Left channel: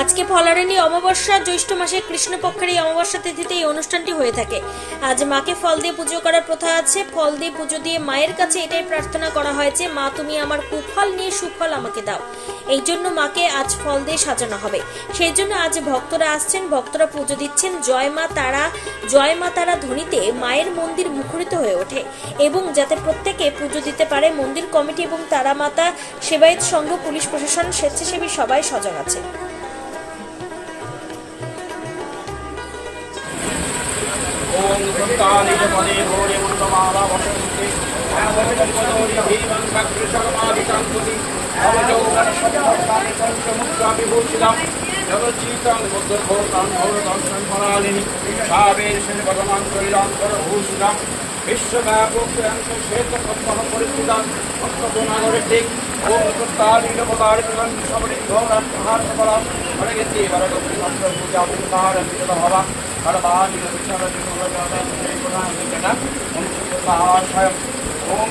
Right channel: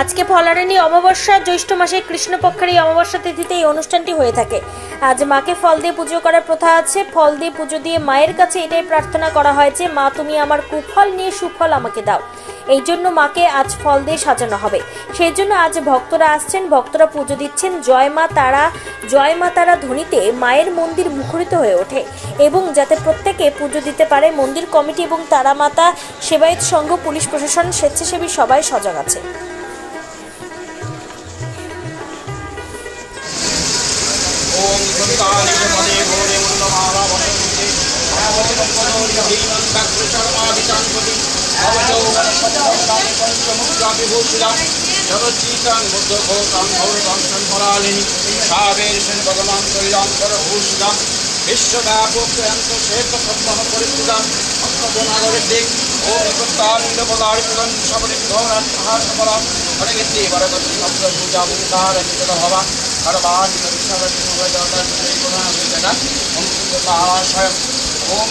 আজকে ফলারানী অমাবস্যা, জ্যৈষ্ঠ মাসের কৃষ্ণপক্ষের এই অমাবস্যা তিথিতে এই অনুষ্ঠানটি হয়ে থাকে। আজ মাকে ফল দিয়ে পুজো করার প্রথা আছে। ফল দিয়ে পুজো দিয়ে মায়ের কাছে এটাই প্রার্থনা করা হয় যে মা তুমি আমার কুফল নিয়ে সুফল আমাকে দাও। এই জন্য মাকে আজ ফল দিয়ে সাজানো হবে। সেই জন্য আজ ভক্তরা আসছেন, ভক্তরা পুজো দিচ্ছেন। জয় মা তারা ধ্বনিতে মায়ের মন্দির মুখরিত হয়ে ওঠে এবং যাতে প্রত্যেকে পুজো দিতে পারে, মন্দির কমিটি এবং তারা মাতা সেবায়েত সংঘ, পুলিশ প্রশাসন, স্বেচ্ছাসেবী সবাই সজাগ আছে। ओम संतानिज पदे भोरे उन्नमाला वसन्ते अवचनपदोरि भीमं भद्रचर्माभिषान्वति अवचौगन सम्भक्तानि पञ्चमुद्रा विभूषितां जगच्चीतं बुद्धभूतां भौरवं संफलालिनि सावेशन् भगवान्तरिदां परभूषितां विश्वव्यापक्यन्त क्षेत्रकम्बः परिस्थितां अक्कगुणागरिदिक् ओम संतानिज पदारिपुरं शबदिघोराट्टहासफलां हरगति वरगति शब्दपूजापुरधारनितभवान् ओम